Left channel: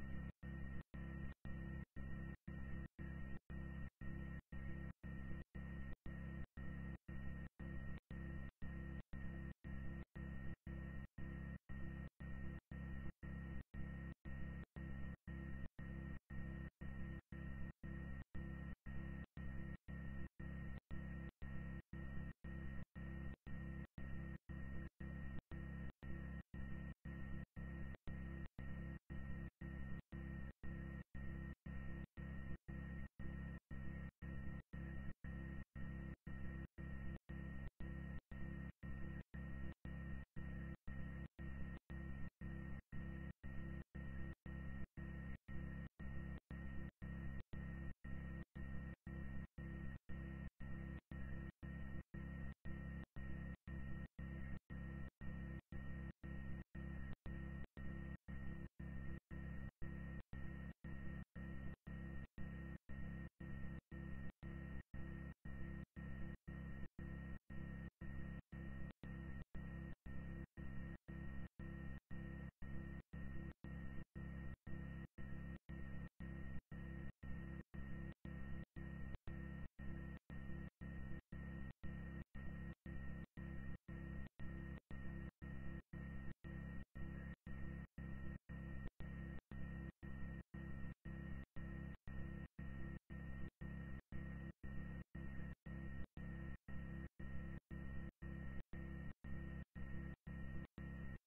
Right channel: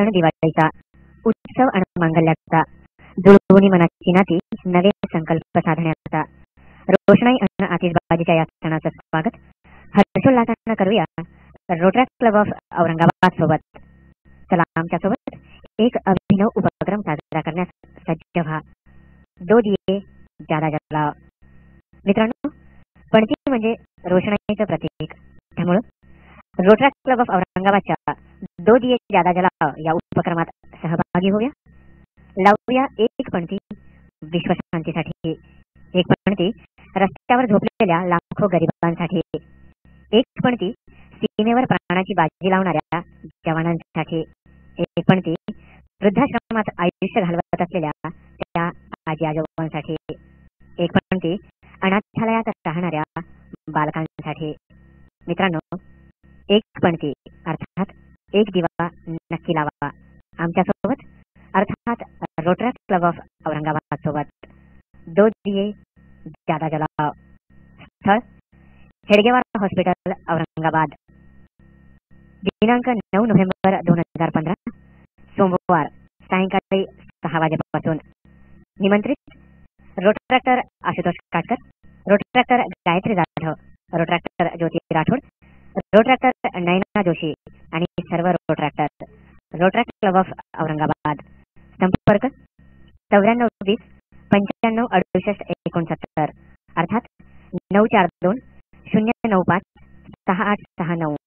सण दिवाळीचा, उत्सव आणि मांगल्याचा, जुळवणी मनाची नाती, नवे संकल्प साधण्याचा, रोषणाई आणि आतिषबाजीच्या या सणाचं स्वागत हर्षोल्लासानं करूया रोटरी क्लब ऑफ औरंगाबाद सोबत. चला आमच्या सोबत एक अभिनव उपक्रम साजरा करण्यास सज्ज व्हा. दो दिये ज्यादा जलाओ. मित्रांनो, पणती म्हणजे रोषणाईचं प्रतीक. त्यामुळं रोटरी क्लब ऑफ औरंगाबादच्या दो दिये ज्यादा जलाओ या उपक्रमात सहभागी होऊया. लावूया एक पणती विश्वशांतीसाठी, एक पणती रस्त्यावर झोपलेल्या लाखो गरिबांसाठी, एक पणती सीमेवर प्राणाची बाजी लावणाऱ्या जवानांसाठी, एक पणती वृद्धाश्रमात आयुष्य घालवत असलेल्या त्या आजी आजोबांसाठी, एक पणती अनाथालयात राहणाऱ्या बालकांसाठी. मित्रांनो, एक पणती अर्थात एक दिवा नक्की लावा आमच्या सोबत, अर्थात रोटरी क्लब ऑफ औरंगाबाद सोबत. दो दिये ज्यादा जलाओ. स्थळ हेडगेवार हॉस्पिटल औरंगाबाद. दिनांक 9 नोव्हेंबर 2015 सोमवार सायंकाळी 6 वाजेपासून. निमंत्रित रोटरॅक्टर आशुतोष काटकर, रोटरॅक्टर गायत्री जाधव, रोटरॅक्टर ज्योती राठोड, रोटरॅक्टर नयना जोशी आणि सर्व rotaractor. Rotary club of Aurangabad. संपर्क 9420 95 68 69 अर्थात 942 095 6869.